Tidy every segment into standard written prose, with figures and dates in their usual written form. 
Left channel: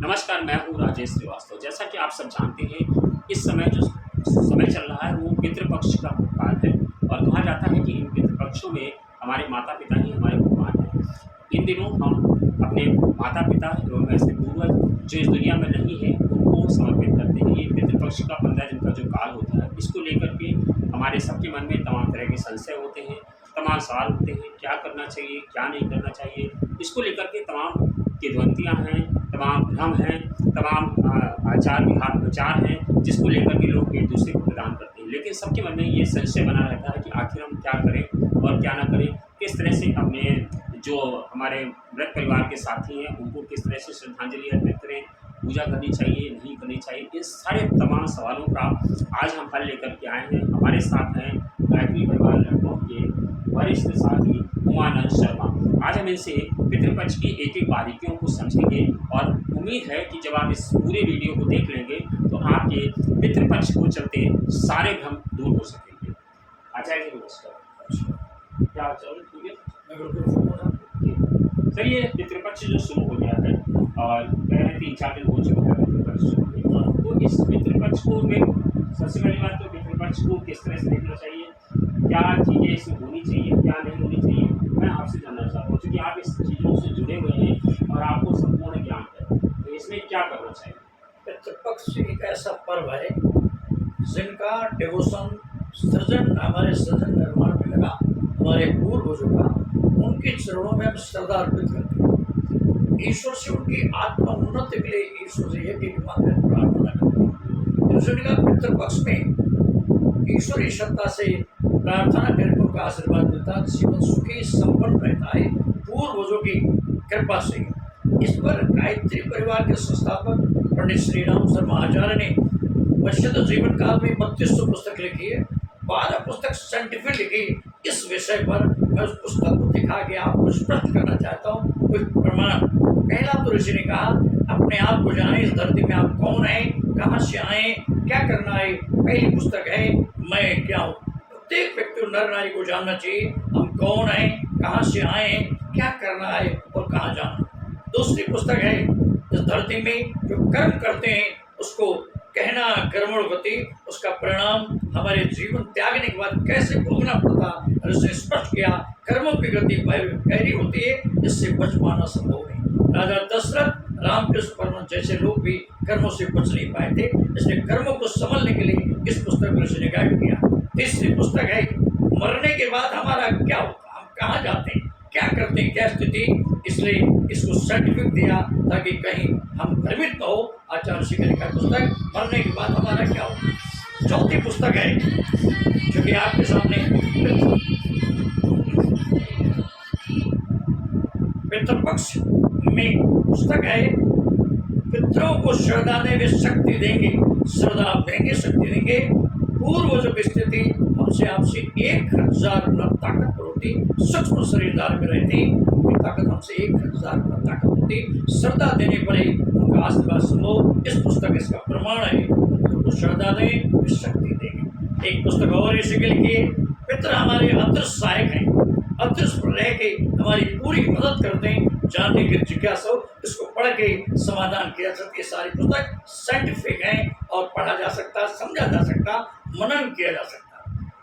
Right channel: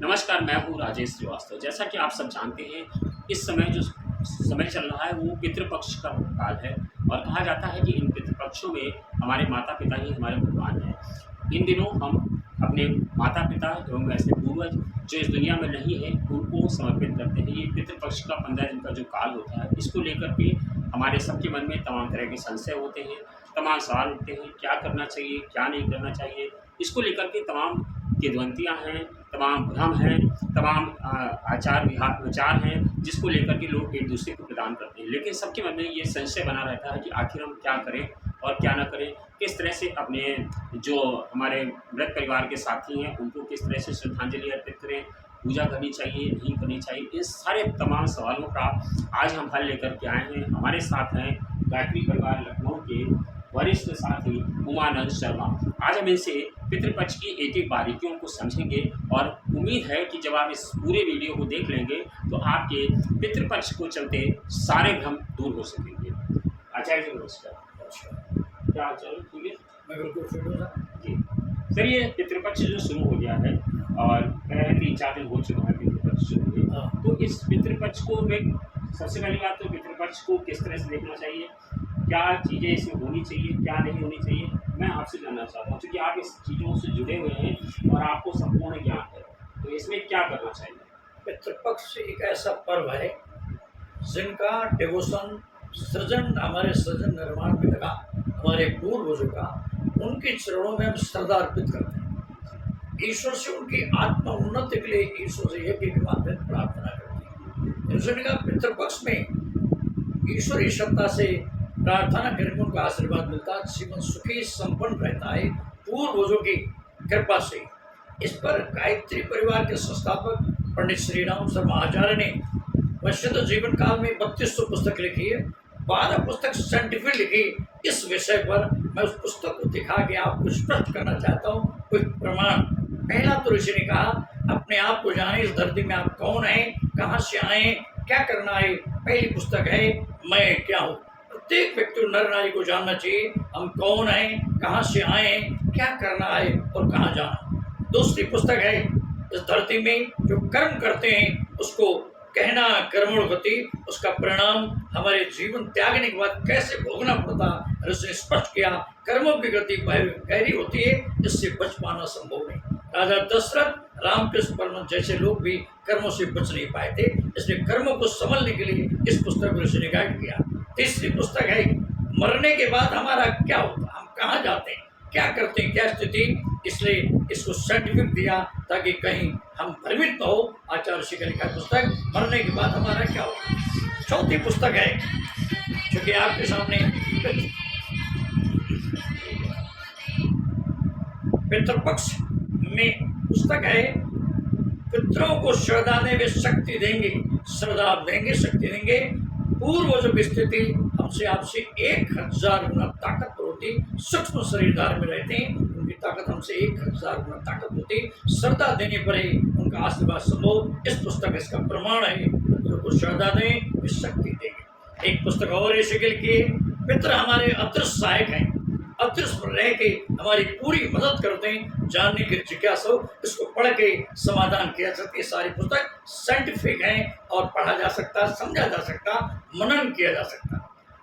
नमस्कार, मैं हूँ राजेश श्रीवास्तव। जैसा कि आप सब जानते हैं, इस समय जो समय चल रहा है वो पितृपक्ष का काल है और कहा जाता है कि इन पितृपक्षों में हमारे माता-पिता ही हमारे भगवान हैं। इन दिनों हम अपने माता-पिता एवं ऐसे पूर्वज जो इस दुनिया में नहीं हैं, उनको समर्पित करते हैं। ये पितृपक्ष का 15 दिन का जो काल होता है, इसको लेकर के हमारे सबके मन में तमाम तरह के संशय होते हैं, तमाम सवाल उठते हैं, क्या करना चाहिए, क्या नहीं करना चाहिए? इसको लेकर के तमाम किंवदंतियाँ हैं, तमाम भ्रम हैं, तमाम आचार विचार हैं, जिसको लेकर के लोग एक दूसरे को प्रदान करते हैं। लेकिन सबके मन में ये संशय बना रहता है कि आखिर हम क्या करें और क्या ना करें? किस तरह से अपने जो हमारे मृत परिवार के साथी हैं, उनको किस तरह से श्रद्धांजलि अर्पित करें, पूजा करनी चाहिए, नहीं करनी चाहिए? इन सारे तमाम सवालों का आज हम हल लेकर के आए हैं। हमारे साथ हैं गायत्री परिवार लखनऊ के वरिष्ठ साथी उमानंद शर्मा। आज हम इनसे पितृपक्ष की एक-एक बारीकियों को समझेंगे और उम्मीद है कि जब आप इस पूरे वीडियो को देख लेंगे, तो आपके पितृपक्ष को चलते सारे भ्रम दूर हो सकेंगे। आचार्य जी नमस्कार। अच्छा, क्या हाल-चाल है? ठीक है? मैं बिल्कुल ठीक हूँ। जी। सर, ये पितृपक्ष जो शुरू हो गया है और कह रहे हैं 3-4 दिन हो चुका है पितृपक्ष शुरू हुए। हाँ, तो इस पितृपक्ष को में सबसे पहली बात तो पितृपक्ष को किस तरह से देखना चाहिए? क्या चीज़ें इसमें होनी चाहिए, क्या नहीं होनी चाहिए? मैं आपसे जानना चाहता हूँ क्योंकि आप इस चीज़ों से जुड़े हुए हैं और आपको संपूर्ण ज्ञान है। तो इसमें क्या करना चाहिए? पितृपक्ष एक ऐसा पर्व है जिनका डिवोशन हमारे सृजन निर्माण में लगा, हमारे पूर्वजों का, उनके चरणों में हम श्रद्धा अर्पित करते हैं। ईश्वर से उनकी आत्मा उन्नति के लिए ईश्वर से एक एक माध्यम प्रार्थना करते हैं। इसलिए का पितृपक्ष में ईश्वरीय सत्ता से प्रार्थना करने में उनका आशीर्वाद मिलता है, जीवन सुखी संपन्न रहता है पूर्वजों की कृपा से। इस पर गायत्री परिवार के संस्थापक पंडित श्री राम शर्मा आचार्य ने वैश्य जीवन काल में 3200 पुस्तक लिखी है, 12 पुस्तक साइंटिफिक लिखी। इस विषय पर मैं उस पुस्तक को दिखा के आपको स्पष्ट करना चाहता हूँ कुछ प्रमाण। पहला तो ऋषि ने कहा, अपने आप को जाने, इस धरती में आप कौन हैं, कहाँ से आए, क्या करना है। पहली पुस्तक है मैं क्या हूँ। प्रत्येक व्यक्ति नर नारी को जानना चाहिए, हम कौन हैं, कहाँ से आए हैं, क्या करना है और कहाँ जाना। दूसरी पुस्तक है इस धरती में जो कर्म करते हैं उसको कहना कर्मण गति, उसका परिणाम हमारे जीवन त्यागने के बाद कैसे भोगना पड़ता है। उसने स्पष्ट किया कर्मों की गति गहरी होती है, इससे बच पाना संभव नहीं। राजा दशरथ, रामकृष्ण परमहंस जैसे लोग भी कर्मों से बच नहीं पाए थे, इसलिए कर्मों को संभलने के लिए इस पुस्तक को ऋषि ने गाइड किया। तीसरी पुस्तक है मरने के बाद हमारा क्या होता, हम कहाँ जाते हैं, क्या करते हैं, क्या स्थिति। इसलिए इसको सर्टिफिकेट दिया ताकि कहीं हम भ्रमित न हो। आचार्य ऋषि का लिखा पुस्तक मरने के बाद हमारा क्या होगा। चौथी पुस्तक है जो कि आपके सामने पितृपक्ष में पुस्तक है। पितरों को श्रद्धा दें, वे शक्ति देंगे, श्रद्धा देंगे, शक्ति देंगे। पूर्वजों की स्थिति हमसे आपसे 1000 गुना ताकतवर होती, सूक्ष्म शरीरदार में रहते, उनकी ताकत हमसे 1000 गुना ताकत होती। श्रद्धा देने पर ही उनका आशीर्वाद संभव। इस पुस्तक इसका प्रमाण है, पितरों को श्रद्धा दें, वे शक्ति देंगे। एक पुस्तक और इसी के लिए, पितर हमारे अदृश्य सहायक हैं, अदृश्य पर रह के हमारी पूरी मदद करते हैं। जानने की जिज्ञासा हो, इसको पढ़ के समाधान किया जा सकता है। सारी पुस्तक साइंटिफिक है और पढ़ा जा सकता, समझा जा सकता, मनन किया जा सकता।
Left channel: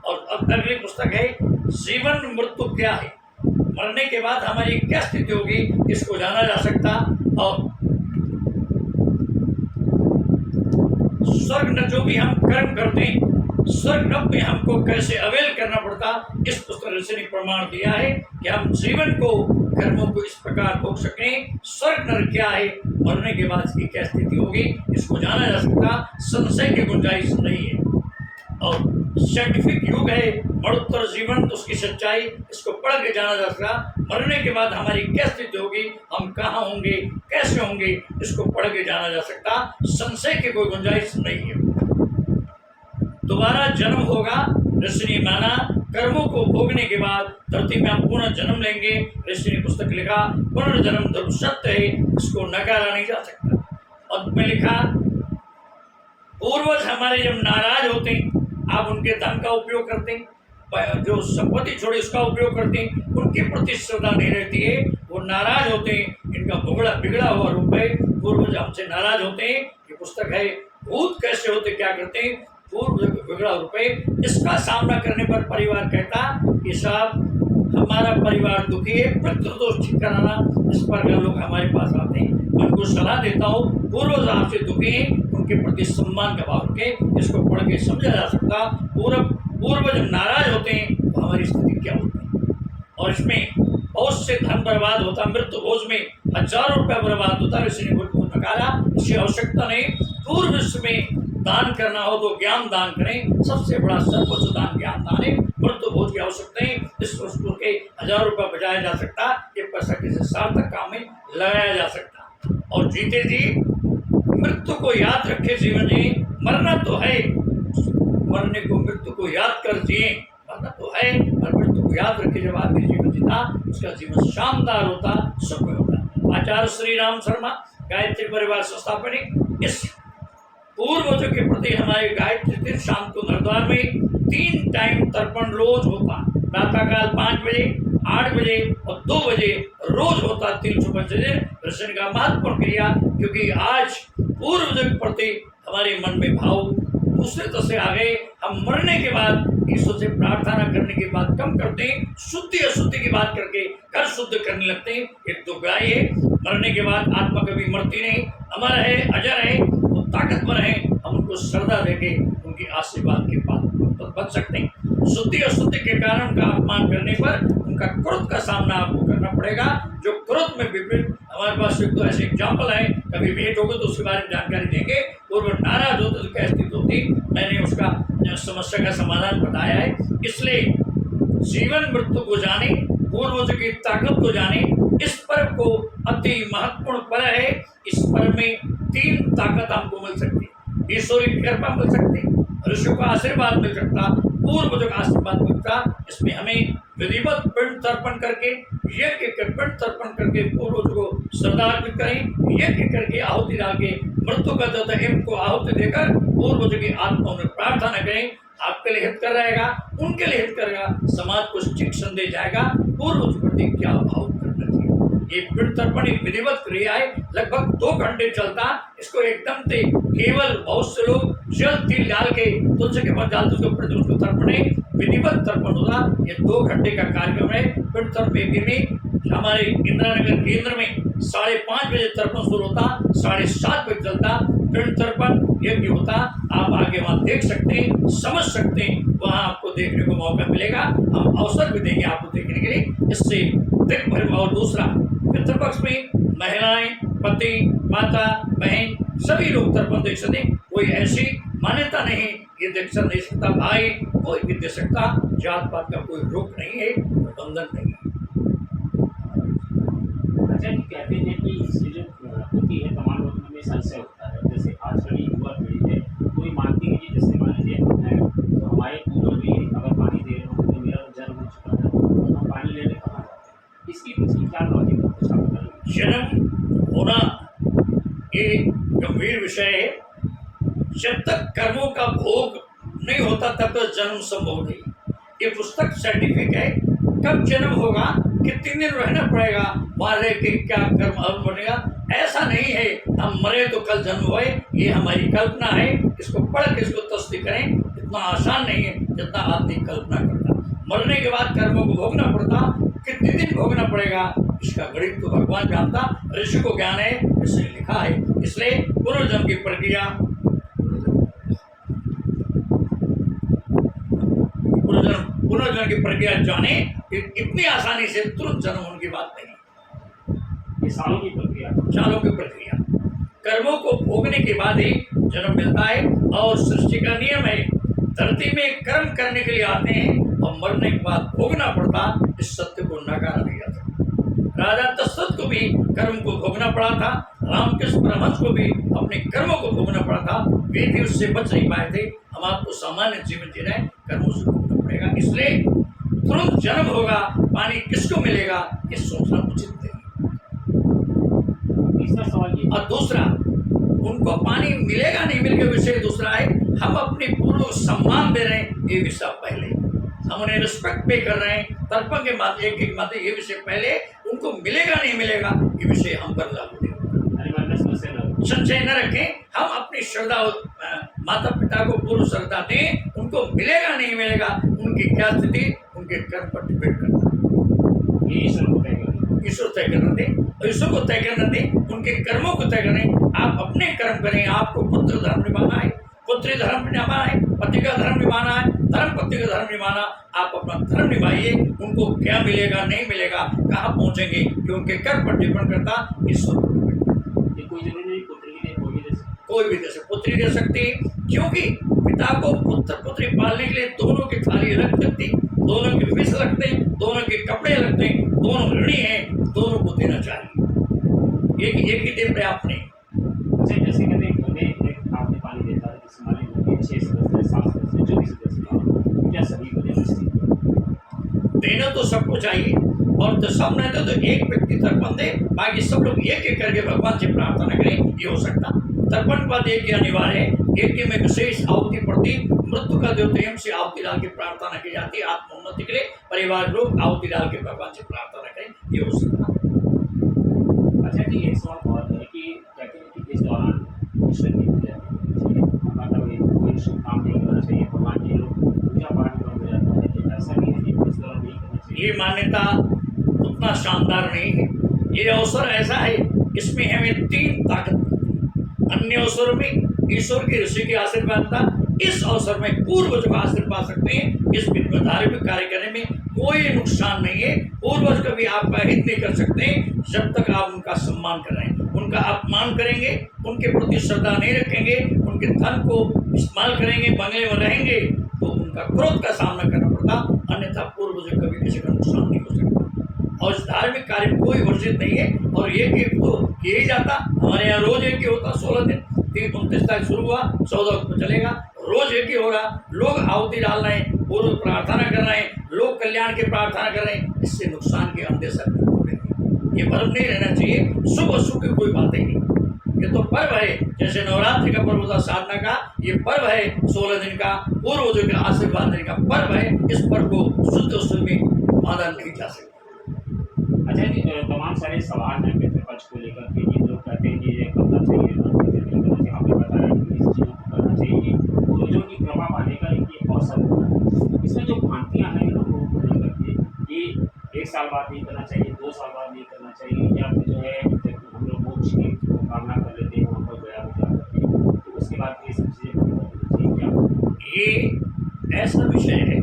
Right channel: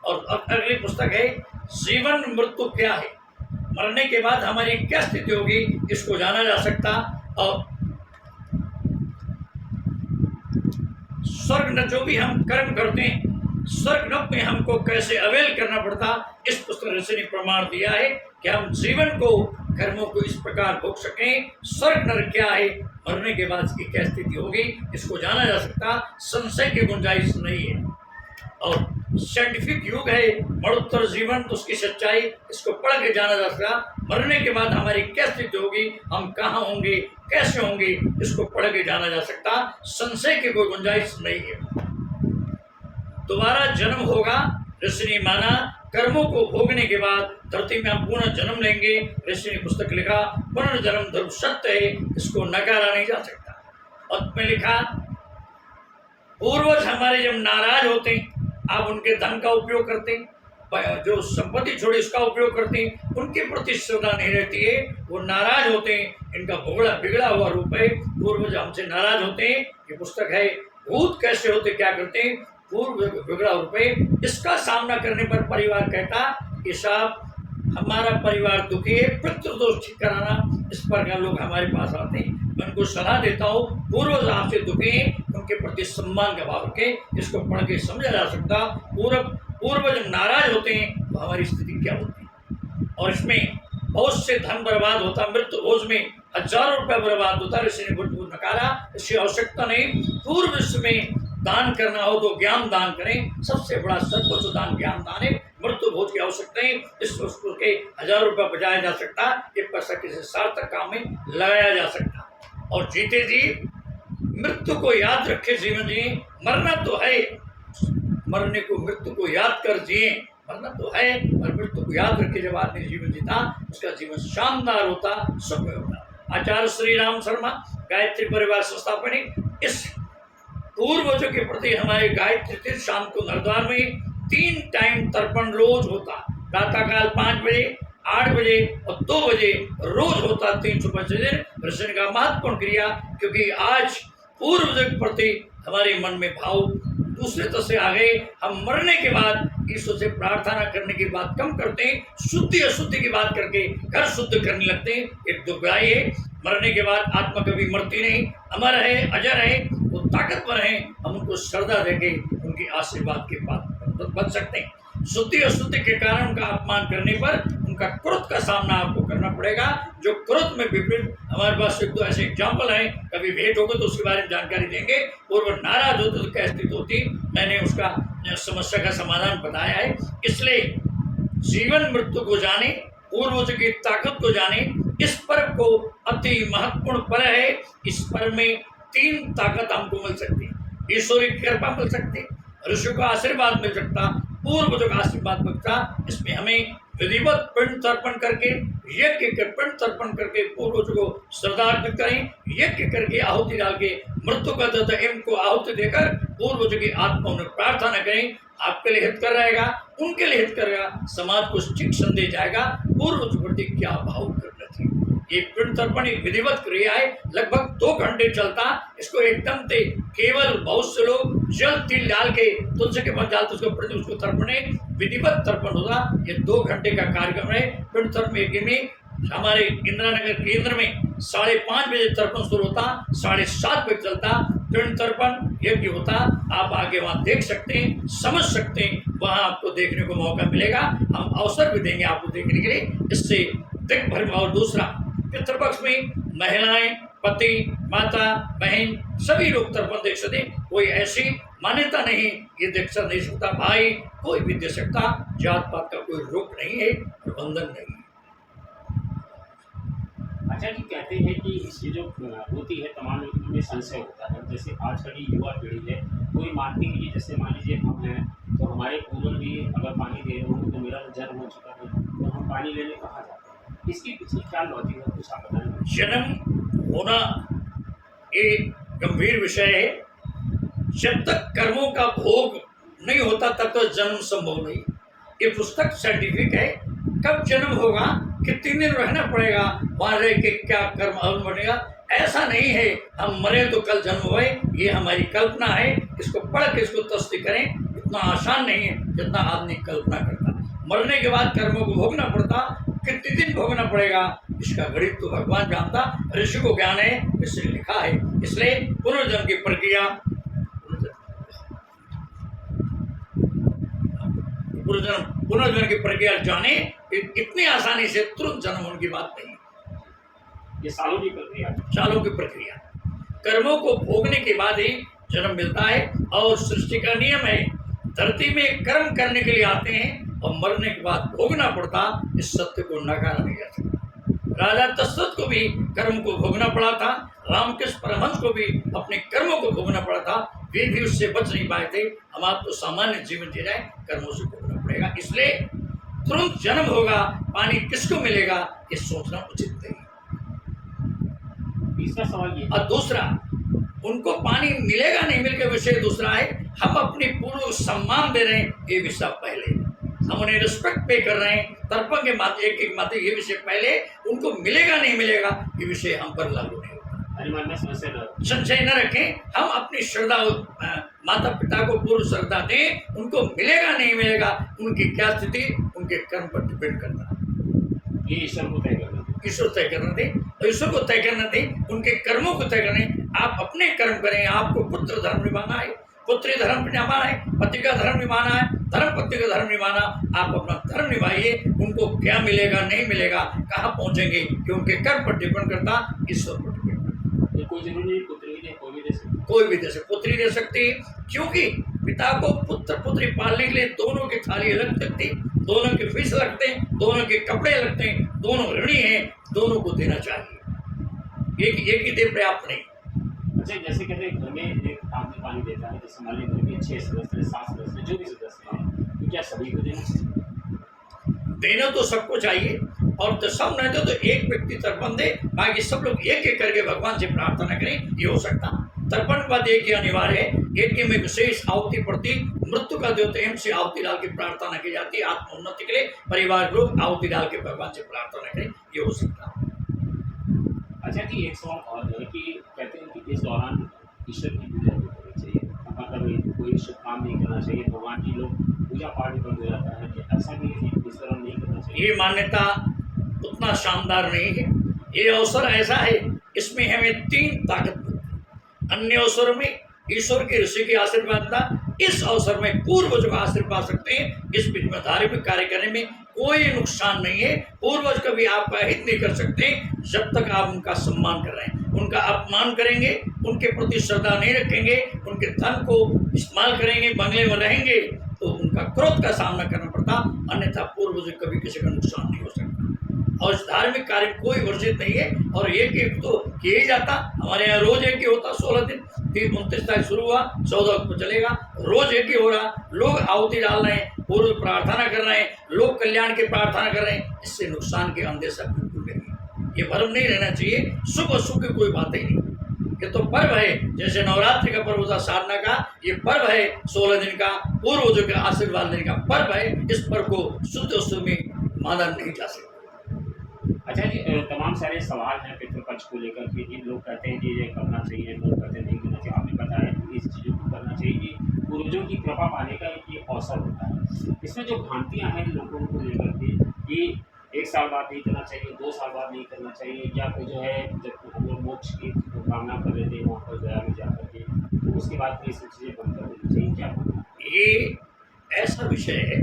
और अब अगली पुस्तक है जीवन मृत्यु क्या है, मरने के बाद हमारी क्या स्थिति होगी, इसको जाना जा सकता। और स्वर्ग में जो भी हम कर्म करते हैं, स्वर्ग में हमको कैसे अवेल करना पड़ता, इस पुस्तक ऋषि ने प्रमाण दिया है कि हम जीवन को कर्मों को इस प्रकार भोग सकें। स्वर्ग नरक क्या है, मरने के बाद इसकी क्या स्थिति होगी, इसको जाना जा सकता, संशय की गुंजाइश नहीं है। और साइंटिफिक युग है, मरणोत्तर जीवन, तो उसकी सच्चाई, इसको पढ़ के जाना जा सकता। मरने के बाद हमारी क्या स्थिति होगी, हम कहाँ होंगे, कैसे होंगे, इसको पढ़ के जाना जा सकता, संशय की कोई गुंजाइश नहीं है। दोबारा जन्म होगा, ऋषि ने माना, कर्मों को भोगने के बाद धरती में हम पुनः जन्म लेंगे। ऋषि ने पुस्तक लिखा पुनर्जन्म ध्रुव सत्य है, इसको नकारा नहीं जा सकता। और में लिखा पूर्वज हमारे जब नाराज होते हैं, आप उनके धन का उपयोग करते हैं, जो संपत्ति छोड़ी उसका उपयोग करते हैं, उनके प्रति श्रद्धा नहीं रहती है, वो नाराज होते हैं। इनका बिगड़ा हुआ रूप है, पूर्वज हमसे नाराज होते हैं। ये पुस्तक है भूत कैसे होते क्या करते हैं, पूर्व बिगड़ा रूप है। इसका सामना करने पर परिवार कहता कि साहब हमारा परिवार दुखी है, पितृदोष ठीक कराना। इस प्रकार लोग हमारे पास आते हैं, मैं उनको सलाह देता हूँ, पूर्वज आपसे दुखी हैं, उनके प्रति सम्मान का भाव रखें। इसको पढ़ के समझा जा सकता पूर्वज नाराज होते हैं तो हमारी स्थिति क्या होती है। और इसमें बहुत से धन बर्बाद होता, मृत्यु भोज में हजारों रुपया बर्बाद होता है। ऋषि ने को नकारा, इसकी आवश्यकता नहीं। पूर्व में दान करना हो तो ज्ञान दान करें, सबसे बड़ा सर्वोच्च दान ज्ञान दान है। मृत्यु भोज की आवश्यकता नहीं, इस वस्तु के हजारों रुपया बचाया जा सकता, ये पैसा किसी सार्थक काम में लगाया जा सकता। और जीते जी मृत्यु को याद रखे, जीवन जी मरना तो है, मरने को मृत्यु को याद कर जिए। मरना तो है और मृत्यु को याद रखे। जब आदमी जीवन जीता उसका जीवन शानदार होता, सुखमय होता। आचार्य श्री राम शर्मा गायत्री परिवार संस्थापक, इस पूर्वजों के प्रति हमारे गायत्री तीर्थ शाम को नरद्वार में 3 टाइम तर्पण रोज होता। प्रातःकाल 5 बजे, 8 बजे और 2 बजे रोज होता। 365 दिन दर्शन का महत्वपूर्ण क्रिया, क्योंकि आज पूर्वजों के प्रति हमारे मन में भाव दूसरे तरह से आ गए। हम मरने के बाद ईश्वर से प्रार्थना करने की बात कम करते हैं, शुद्धि अशुद्धि की बात करके घर शुद्ध करने लगते हैं। एक दुखदाई है, मरने के बाद आत्मा कभी मरती नहीं, अमर है, अजर है, वो ताकतवर है। हम उनको श्रद्धा देके उनकी आशीर्वाद के पात्र बच सकते हैं। शुद्धि अशुद्धि के कारण उनका अपमान करने पर उनका क्रोध का सामना आपको करना पड़ेगा। जो क्रोध में विपरीत, हमारे पास एक दो ऐसे एग्जाम्पल हैं, कभी भेंट होगी तो उसके बारे में जानकारी देंगे। पूर्व नाराज होते तो क्या स्थिति होती, मैंने उसका समस्या का समाधान बताया है। इसलिए जीवन मृत्यु को जाने, पूर्वज की ताकत को जाने, इस पर्व को अति महत्वपूर्ण पर्व है। इस पर्व में 3 ताकत हमको मिल सकती है। ईश्वरी कृपा मिल सकती, ऋषियों का आशीर्वाद मिल सकता, पूर्वजों का आशीर्वाद मिलता। इसमें हमें विधिवत पिंड तर्पण करके, यज्ञ के पिंड तर्पण करके पूर्वजों को श्रद्धा अर्पित करें। यज्ञ करके आहुति डाल के मृत्यु का दत्त एम को आहुति देकर पूर्वजों की आत्मा में प्रार्थना करें। आपके लिए हित कर रहेगा, उनके लिए हित करेगा, समाज को ठीक संदेश जाएगा। पूर्वज प्रति क्या भाव करना चाहिए। ये पिंड तर्पण एक विधिवत क्रिया है, लगभग 2 घंटे चलता। इसको एकदम से केवल बहुत से लोग जल तिल डाल के तुलसी के पास डालते उसके प्रति उसको तर्पण है, विधिवत तर्पण होगा। ये 2 घंटे का कार्यक्रम है। पिंड तर्पण यज्ञ में हमारे इंदिरा नगर केंद्र में 5:30 बजे तर्पण शुरू होता, 7:30 बजे चलता पिंड तर्पण यज्ञ होता। आप आगे वहाँ देख सकते हैं, समझ सकते हैं, वहाँ आपको देखने को मौका मिलेगा। हम अवसर भी देंगे आपको देखने के लिए, इससे दिख भर। और दूसरा, पितृपक्ष में महिलाएं, पति, माता, बहन सभी लोग तर्पण देख सकते हैं। कोई ऐसी मान्यता नहीं ये देख नहीं सकता, भाई कोई भी दे सकता, जात पात का कोई रोक नहीं है, बंधन नहीं है। अच्छा जी, कहते हैं कि इससे जो होती है तमाम लोगों में संशय होता है। जैसे आजकल की युवा पीढ़ी है, कोई मानती है कि जैसे मान लीजिए हम हैं तो हमारे पूर्वज भी अगर पानी दे रहे होंगे तो मेरा तो जन्म हो चुका है तो हम पानी लेने कहाँ जाते हैं, इसकी पीछे क्या लॉजिक है, कुछ आप बताएंगे। जन्म होना एक गंभीर विषय है। जब तक कर्मों का भोग नहीं होता तब तक जन्म संभव नहीं। ये पुस्तक साइंटिफिक है। कब जन्म होगा, कितने दिन रहना पड़ेगा, वहाँ रह के क्या कर्म अवल बनेगा, ऐसा नहीं है हम मरे तो कल जन्म हुए। ये हमारी कल्पना है। इसको पढ़ के इसको तस्दीक करें। इतना आसान नहीं है जितना आदमी कल्पना करता। मरने के बाद कर्मों को भोगना पड़ता, कितने दिन भोगना पड़ेगा इसका गणित तो भगवान जानता, ऋषि को ज्ञान है, इसलिए लिखा है। इसलिए पुनर्जन्म की प्रक्रिया, पुनर्जन्म की प्रक्रिया जाने, इतनी आसानी से तुरंत जन्म होने की बात नहीं। ये सालों की प्रक्रिया, सालों की प्रक्रिया। कर्मों को भोगने के बाद ही जन्म मिलता है। और सृष्टि का नियम है, धरती में कर्म करने के लिए आते हैं और मरने के बाद भोगना पड़ता। इस सत्य को नकारा नहीं जा सकता। राजा दशरथ को भी कर्म को भोगना पड़ा था, रामकृष्ण परमहंस को भी अपने कर्मों को भोगना पड़ा था। वे भी उससे बच नहीं पाए थे। हम आपको सामान्य जीवन जी रहे, कर्मों से भोगना पड़ेगा। इसलिए तुरंत जन्म होगा, पानी किसको मिलेगा ये सोचना उचित नहीं। तीसरा सवाल ये, और दूसरा, उनको पानी मिलेगा नहीं मिलेगा विषय दूसरा है। हम अपने पूर्व सम्मान दे रहे हैं, ये विषय पहले। हम उन्हें रिस्पेक्ट पे कर रहे हैं, तर्पण के माध्यम एक माध्यम ये विषय पहले उनको मिलेगा नहीं मिलेगा ये विषय हम पर लागू नहीं होता। आणि मन में समस्या न हो। संशय न रखें, हम अपनी श्रद्धा माता पिता को पूर्ण श्रद्धा दें, उनको मिलेगा नहीं मिलेगा उनकी क्या स्थिति उनके कर्म पर डिपेंड करता है। ये ईश्वर को तय करना। ईश्वर तय करना दें और ईश्वर को तय करना दें, उनके कर्मों को तय करें। आप अपने कर्म करें, आपको पुत्र धर्म निभाना है, पुत्री धर्म निभाना है, पति का धर्म निभाना है, धर्म पति का धर्म निभाना। आप अपना धर्म निभाइए, उनको क्या मिलेगा नहीं मिलेगा कहाँ पहुंचेंगे कि उनके कर्म पर डिपेंड करता ईश्वर पर डिपेंड करता। ये कोई जरूरी नहीं पुत्री दे, कोई भी दे सकता। कोई भी दे सकते, पुत्री दे सकती है, क्योंकि पिता को पुत्र पुत्री पालने के लिए दोनों की थाली अलग लगती, दोनों के फीस लगते हैं, दोनों के कपड़े लगते हैं, दोनों ऋणी हैं, दोनों को देना चाहिए। एक ही दे पर्याप्त नहीं। अच्छा, जैसे कहते हैं घर में एक आदमी पानी देता है, जैसे मान लीजिए घर में 6 सदस्य हैं, 7 सदस्य हैं, जो भी सदस्य हैं, तो क्या सभी को देना चाहिए? देना तो सबको चाहिए, और तो सब नहीं तो एक व्यक्ति तर्पण दे, बाकी सब लोग एक एक करके भगवान से प्रार्थना करें, ये हो सकता। तर्पण के बाद एक ही अनिवार्य है, एक ही में विशेष आहुति प्रति मृत्यु का जो प्रेम से आहुति डाल के प्रार्थना की जाती है, आत्मोन्नति के लिए परिवार लोग आहुति डाल के भगवान से प्रार्थना करें, ये हो सकता। अच्छा जी, एक सवाल और है कि कहते हैं कि इस दौरान ईश्वर की पूजा नहीं करनी चाहिए, मतलब कोई शुभ काम नहीं करना चाहिए, भगवान जी लोग पूजा पाठ भी बंद हो जाता है, कि ऐसा नहीं है कि इस दौरान नहीं करना चाहिए। ये मान्यता उतना शानदार नहीं है। ये अवसर ऐसा है, इसमें हमें 3 ताकत मिलती है। अन्य अवसरों में ईश्वर के ऋषि के आशीर्वाद था, इस अवसर में पूर्वज का आशीर्वाद पा सकते हैं। इस विधि धार्मिक कार्य करने में कोई नुकसान नहीं है। पूर्वज कभी आपका हित नहीं कर सकते जब तक आप उनका सम्मान कर रहे हैं। उनका अपमान करेंगे, उनके प्रति श्रद्धा नहीं रखेंगे, उनके धन को इस्तेमाल करेंगे, बंगले में रहेंगे, तो उनका क्रोध का सामना करना पड़ता, अन्यथा पूर्वज कभी किसी का नुकसान नहीं हो सकता। और इस धार्मिक कार्य में कोई वर्जित नहीं है, और एक तो किया ही जाता। हमारे यहाँ रोज एक ही होता, 16 दिन, 29 तारीख शुरू हुआ, 14 को चलेगा, रोज एक ही हो रहा। लोग आहुति डाल रहे हैं, पूर्व प्रार्थना कर रहे हैं, लोग कल्याण की प्रार्थना कर रहे हैं, इससे नुकसान के अंदेशा बिल्कुल नहीं। ये भ्रम नहीं रहना चाहिए, शुभ अशुभ की कोई बात ही नहीं। ये तो पर्व है, जैसे नवरात्रि का पर्व होता साधना का, ये पर्व है 16 दिन का, पूर्वजों के आशीर्वाद लेने का पर्व है। इस पर्व को शुद्ध अशुद्ध में माना नहीं जा सकता। अच्छा जी, तमाम सारे सवाल हैं पितृपक्ष को लेकर के, जिन लोग कहते हैं कि ये करना चाहिए, लोग कहते नहीं करना चाहिए। आपने बताया कि इस चीज़ को करना चाहिए, ये पूर्वजों की कृपा पाने का ये अवसर होता है। इसमें जो भ्रांतियाँ हैं लोगों को लेकर के कि 1 साल बाद नहीं करना चाहिए, 2 साल बाद नहीं करना चाहिए, या फिर जो है जब हम लोग मोक्ष की कामना कर लेते हैं वहाँ पर गया में जा करके, तो उसके बाद ये सब चीज़ें बंद कर देनी चाहिए, क्या? ये ऐसा विषय है,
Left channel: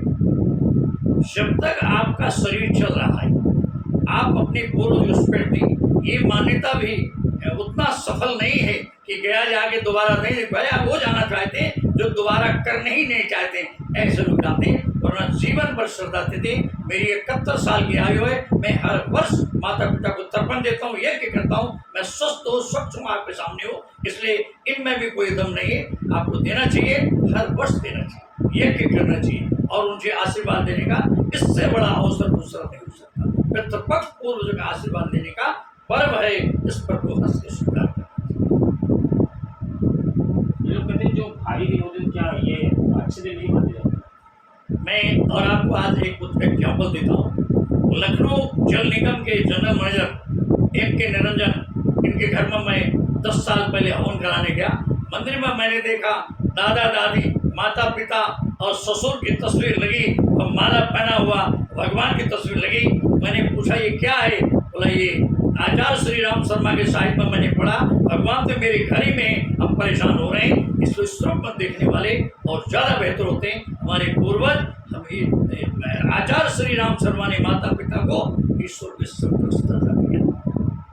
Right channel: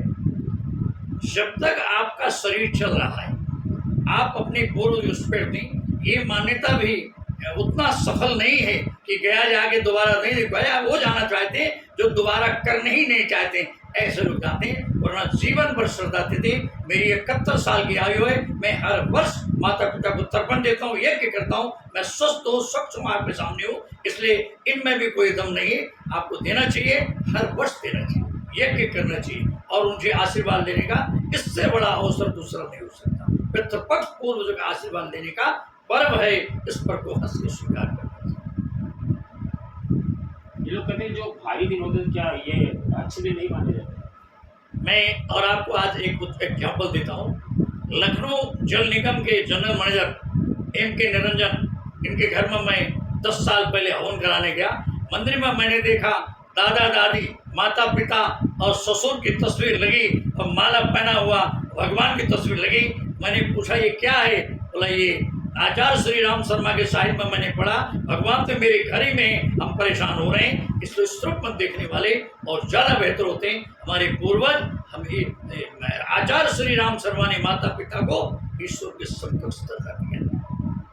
जब तक आपका शरीर चल रहा है आप अपने पूर्व रिस्पेक्ट दें। ये मान्यता भी उतना सफल नहीं है कि गया जाके दोबारा नहीं दे पाए। आप वो जाना चाहते हैं जो दोबारा करने ही नहीं चाहते, ऐसे लोग जाते हैं। वरना जीवन भर श्रद्धा देते। मेरी 71 साल की आयु है, मैं हर वर्ष माता पिता को तर्पण देता हूँ, यज्ञ करता हूँ। मैं स्वस्थ हूँ, स्वच्छ हूँ, आपके सामने हूँ, इसलिए इनमें भी कोई दम नहीं है। आपको देना चाहिए, हर वर्ष देना चाहिए, यज्ञ करना चाहिए, और उनसे आशीर्वाद लेने का इससे बड़ा अवसर दूसरा नहीं हो सकता। पितृपक्ष पूर्वजों का आशीर्वाद लेने का पर्व है, इस पर्व को हंस के स्वीकार करना चाहिए। ये लोग कहते हैं जो भारी दिन होते हैं, क्या ये अच्छे दिन नहीं माने जाते? मैं और आपको आज एक एग्जाम्पल देता हूँ। लखनऊ जल निगम के जनरल मैनेजर M.K. निरंजन, इनके घर में मैं 10 साल पहले हवन कराने गया। मंदिर में मैंने देखा दादा दादी, माता पिता और ससुर की तस्वीर लगी, और माला पहना हुआ भगवान की तस्वीर लगी। मैंने पूछा ये क्या है? बोला ये आचार्य श्री राम शर्मा के साहित्य में मैंने पढ़ा, भगवान तो मेरे घर ही में, हम परेशान हो रहे हैं, इसलिए इस रूप में देखने वाले और ज़्यादा बेहतर होते हैं हमारे पूर्वज। हम आचार्य श्री राम शर्मा ने माता पिता को ईश्वर के समकक्ष दर्जा दिया।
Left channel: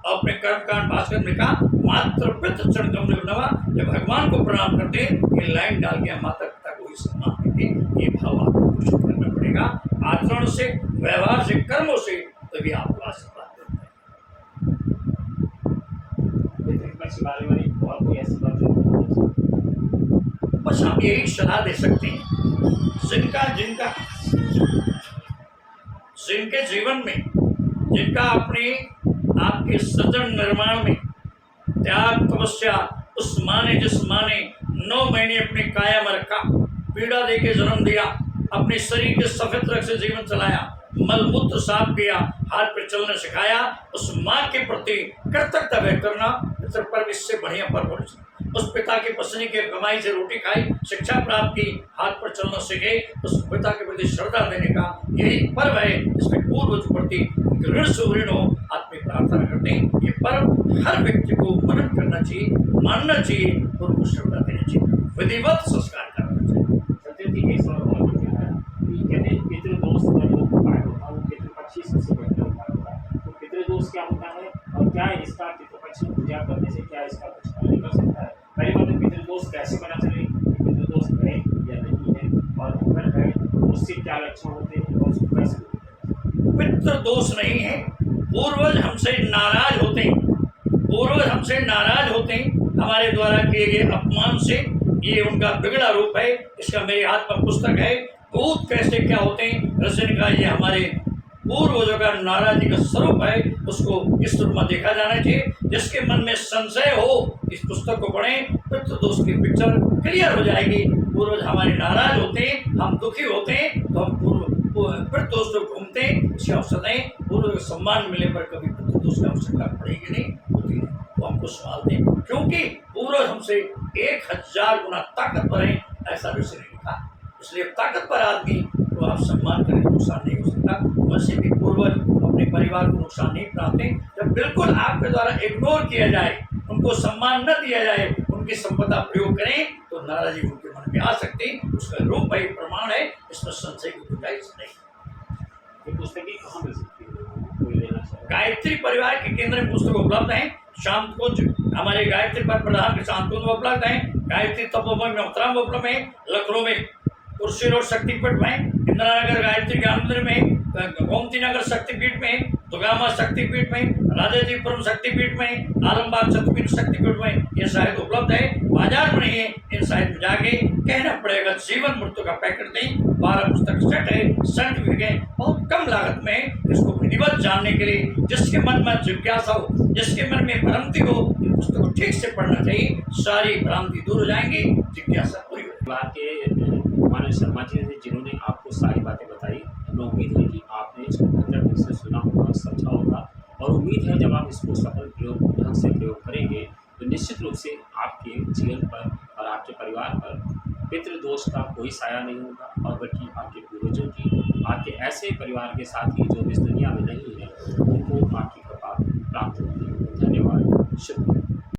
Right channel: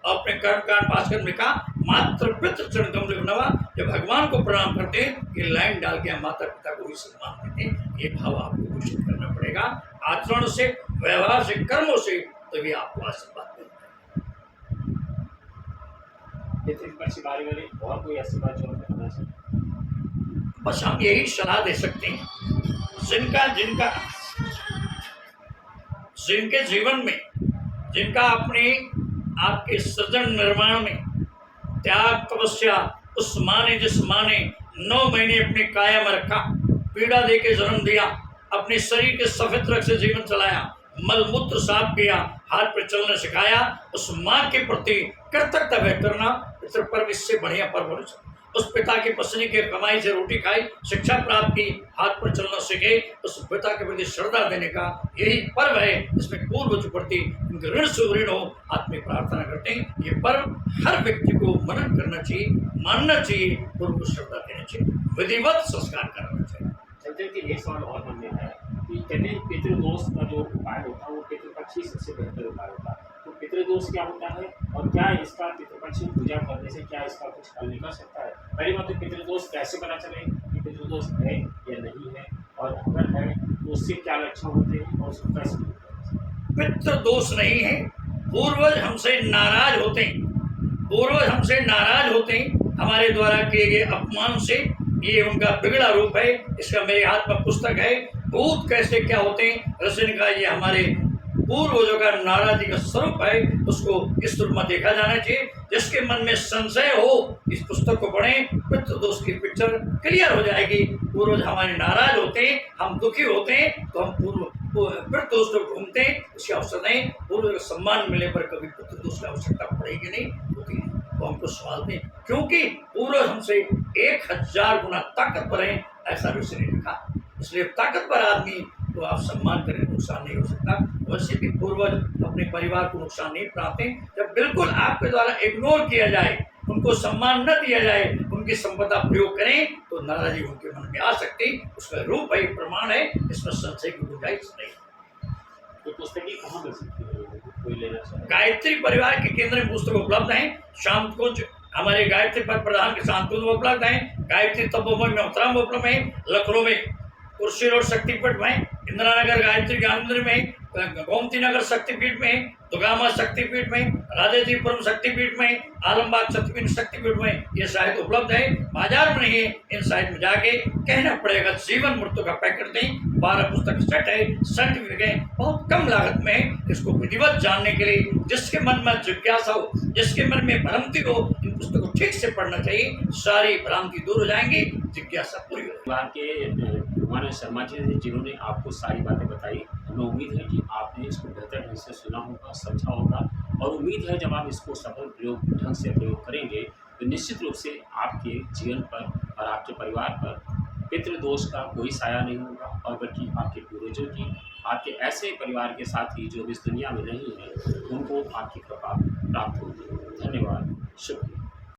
अपने कर्मकांड भास्कर में कहा मात्र पितृ चरण कमल नवा, जब भगवान को प्रणाम करते हैं, ये लाइन डाल के हम माता पिता को ही सम्मान देते हैं। ये भाव आपको पोषित करना पड़ेगा, आचरण से, व्यवहार से, कर्मों से, तभी आपको आशीर्वाद देना है। पितृपक्ष के बारे में और कोई ऐसी बात जो करना चाहिए? बस हम यही सलाह दे सकते हैं, जिनके जीवन में, जिनका अपने आपके सृजन निर्माण में त्याग तपस्या, उस माँ ने जिस माँ ने 9 महीने अपने काया में रखा, पीड़ा दे के जन्म दिया, अपने शरीर के सफेद रंग से जीवन चलाया, मलमूत्र साफ किया, हाथ पे चलना सिखाया, उस माँ के प्रति कृतज्ञता व्यक्त करना पितृ पर्व इससे बढ़िया पर्व नहीं सकता। उस पिता की पसंद की कमाई से रोटी खाई, शिक्षा प्राप्त की, हाथ पर चलना सीखे, उस पिता के प्रति श्रद्धा देने का यही पर्व है जिसमें पूर्वज प्रति उनके ऋण से ऋण हो आत्मिक प्रार्थना करते हैं। ये पर्व हर व्यक्ति को मनन करना चाहिए, मानना चाहिए, पूर्व को श्रद्धा देनी चाहिए, विधिवत संस्कार करना चाहिए। चलते एक सवाल और मन में आया कि कहते हैं पितृदोष का जो उपाय होता है वो पितृपक्ष ही सबसे बेहतर उपाय होता है। तो पितृदोष क्या होता है और क्या इसका पितृपक्ष में पूजा करने से क्या इसका कुछ हल निकल सकता है? पहली बात तो पितृदोष कैसे पता चले कि पितृदोष है या नहीं है, और अगर है तो उससे क्या लक्षण होते हैं और उसको कैसे दूर करें? पितृदोष नहीं है, पूर्वज हमसे नाराज होते हैं, पूर्वज हमसे नाराज होते हैं हमारे द्वारा किए गए अपमान से। ये उनका बिगड़ा रूप है। इसका मेरे हाथ में पुस्तक है, भूत कैसे क्या होते हैं रसन का, ये हमारे पूर्वजों का नाराजी का स्वरूप है। उसको इस रूप में देखा जाना चाहिए। जिसके मन में संशय हो इस पुस्तक को पढ़ें, पितृदोष की पिक्चर क्लियर हो जाएगी। पूर्वज हमारे नाराज होते हैं, हम दुखी होते हैं, तो हम पितृदोष को घूमते हैं, उसकी अवसर दें। पूर्वज का सम्मान मिलने पर कभी पितृदोष की आवश्यकता पड़ेगी नहीं, होती है, तो हमको संभालते हैं, क्योंकि पूर्वज हमसे 1000 गुना ताकतवर हैं, ऐसा ऋषि ने लिखा। इसलिए ताकतवर आदमी तो आप सम्मान करें, नुकसान नहीं हो सकता। वैसे भी पूर्वज अपने परिवार को नुकसान नहीं पहुंचाते। जब बिल्कुल आपके द्वारा इग्नोर किया जाए, उनको सम्मान न दिया जाए, उनकी संपदा प्रयोग करें, तो नाराजगी उनके मन में आ सकती। उसका रूप है, प्रमाण है, इसमें संशय की गुंजाइश नहीं। तो पुस्तकें कहाँ मिल सकती है लोगों को, कोई लेना चाहे? गायत्री परिवार के केंद्र में पुस्तक उपलब्ध हैं। शांतकुंज हमारे गायत्री पर प्रधान के शांतकुंज में उपलब्ध हैं। गायत्री तपोवन में उत्तराम में उपलब्ध है। लखनऊ में कुर्सी रोड शक्तिपीठ में, इंदिरा नगर गायत्री ज्ञान मंदिर में, गोमती नगर शक्तिपीठ में, दुगामा शक्तिपीठ में, राजाजीपुरम शक्तिपीठ में, आलमबाग शक्तिपीठ में ये साहित्य उपलब्ध है। बाजार में नहीं है, इन साइट में जाके कहना पड़ेगा जीवन मृत्यु का पैकेट नहीं, 12 पुस्तक सेट है, सर्टिफिकेट है, बहुत कम लागत में। इसको विधिवत जानने के लिए जिसके मन में जिज्ञासा हो, जिसके मन में भ्रांति हो, इन पुस्तकों को ठीक से पढ़ना चाहिए, सारी भ्रांति दूर हो जाएंगी, जिज्ञासा पूरी हो जाएगी। परिवार के मानव शर्मा जी ने जिन्होंने आपको सारी बातें बताई, हमें उम्मीद है कि आपने इसको बेहतर ढंग से सुना होगा, समझा होगा, और उम्मीद है जब आप इसको सफल ढंग से प्रयोग करेंगे तो निश्चित रूप से आपके जीवन पर और आपके परिवार पर पितृदोष का कोई साया नहीं होगा, और बल्कि आपके पूर्वजों की, आपके ऐसे परिवार के साथी जो इस दुनिया में नहीं है, उनको आपकी कृपा प्राप्त होगी। धन्यवाद, शुक्रिया।